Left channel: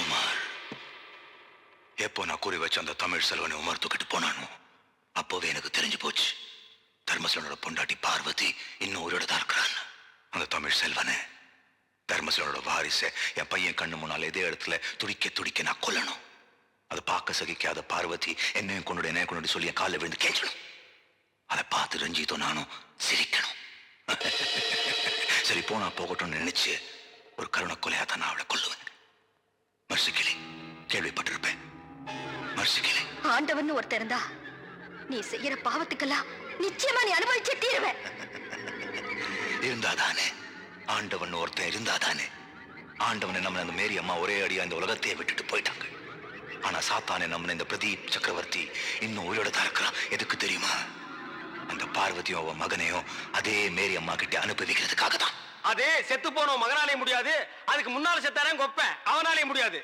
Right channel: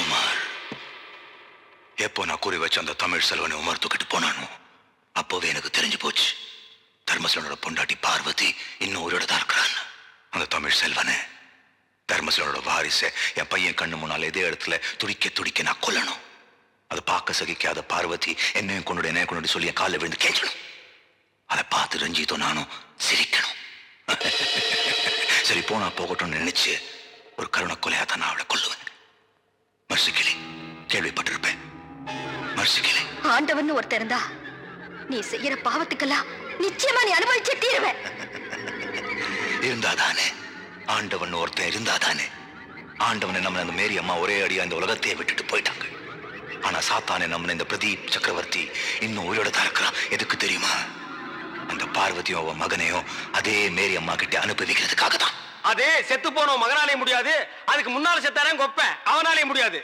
உமார், எப்போ நான் குறி வச்ச அந்த தமிழ் செல்வனை உமார் தூக்கிட்டு போனானோ அப்போவே எனக்கு தெரிஞ்சு போச்சு தர்மசலனோட பொண்டாட்டி பார்வதி இன்னும் உயிரோட தான் இருக்கிறான். அந்த தமிழ் செல்வனை தர்மசலனோட வாரிசை என் பையன் கண்ணு முன்னால இதே இடத்துல துடிக்க துடிக்க நான் கொல்லணும். அதை பார்க்க சகிக்காத பார்வதி என்னையும் கொண்டு சொல்லி என் காலில் விழுந்து கேட்கணும். அதை பார்த்து ரஞ்சித்தோ நானும் சிரிக்கணும். சரி போனா போகட்டும்னு நினைச்சு ஒரு கருணை கொலையா தான் நான் அவளை கொல்லுவேன். மர்சிக்கிளி, கேள்விப்பட்டிருப்பேன். மர்சிக்கிளி, ஆண்டவன் ஒருத்தர் இருந்தா நீ செய்யற பாவத்துக்கெல்லாம் நிச்சயமா நீ அனுபவிச்சே தீருவ. இருந்தாதானே ஆண்டவன் ஒருத்தன் இருந்தாதானே. ஆண்டவனை நம்ம அந்த மேரி அம்மா ஒரே அடியா இந்த உலகத்தையே விட்டுட்டு போயிட்டாங்க. ஆனா சாத்தானே நம்ம இந்த பிரதீப் சக்கரவர்த்தி இன்னும் உயிரோட தான் இருக்கிறான். எதுக்கு தெரியுமா? அந்த பார்வதியும் அவன் மகனையும் அதே மேரி அம்மா கிட்ட அனுப்பி வைக்கிறதுக்காக தான். அதே செத்து போன மகனாலே முடியாது, அதுக்கு முன்னால செத்தாரன் கொப்பேன் அவனாலே முடியாது.